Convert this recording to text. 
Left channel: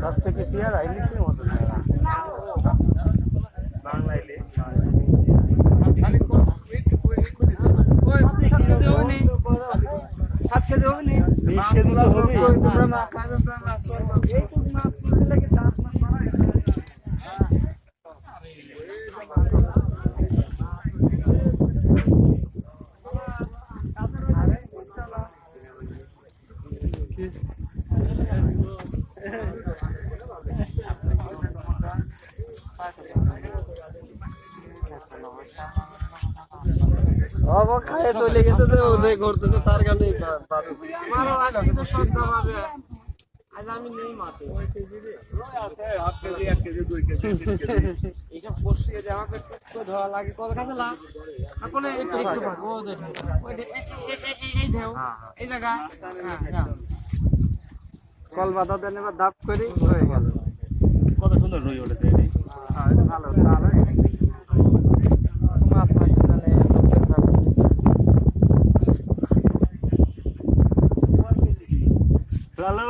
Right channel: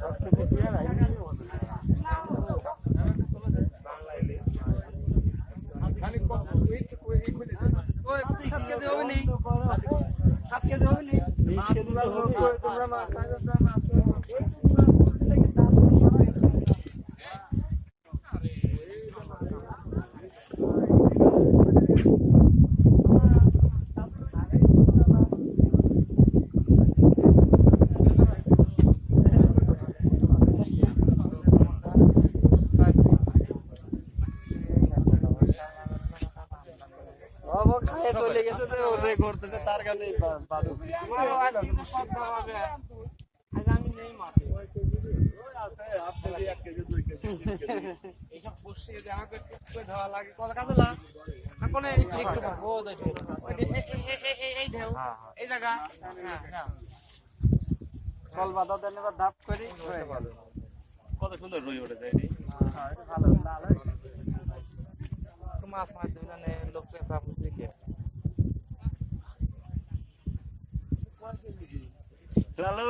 सबसे बेसी यार इंग्लिश में होता है बांग्ला इंग्लिश खाली को ओए 7 केजी হবে নি 7 केजी হবে নি 20 केजी তো হবে তোমরা না তোমরা না এই তো না লাগে দাঁত अब खाए चले গেছে যে ও যে করতেছে তার কাছে বাদু মারো আলো তো সব ভাবে আজ আমি নেই মারতে ওই কেজি রে ওই আছে half KG 1 KG 2 KG 3 KG এইসব বসিয়ে যে আমাকে তো ধরা লাগে কত কাছে লাগ আপনি একটু ও দেখুন এই ঢেউ এই জায়গা হ্যাঁ কল বাধা দেন এবার ধাপ করি হয়ে গেল কত সুন্দর রই ওঠে তাই হ্যাঁ ভালো ভালো মাছ মাছ মানে লোকের সব লালু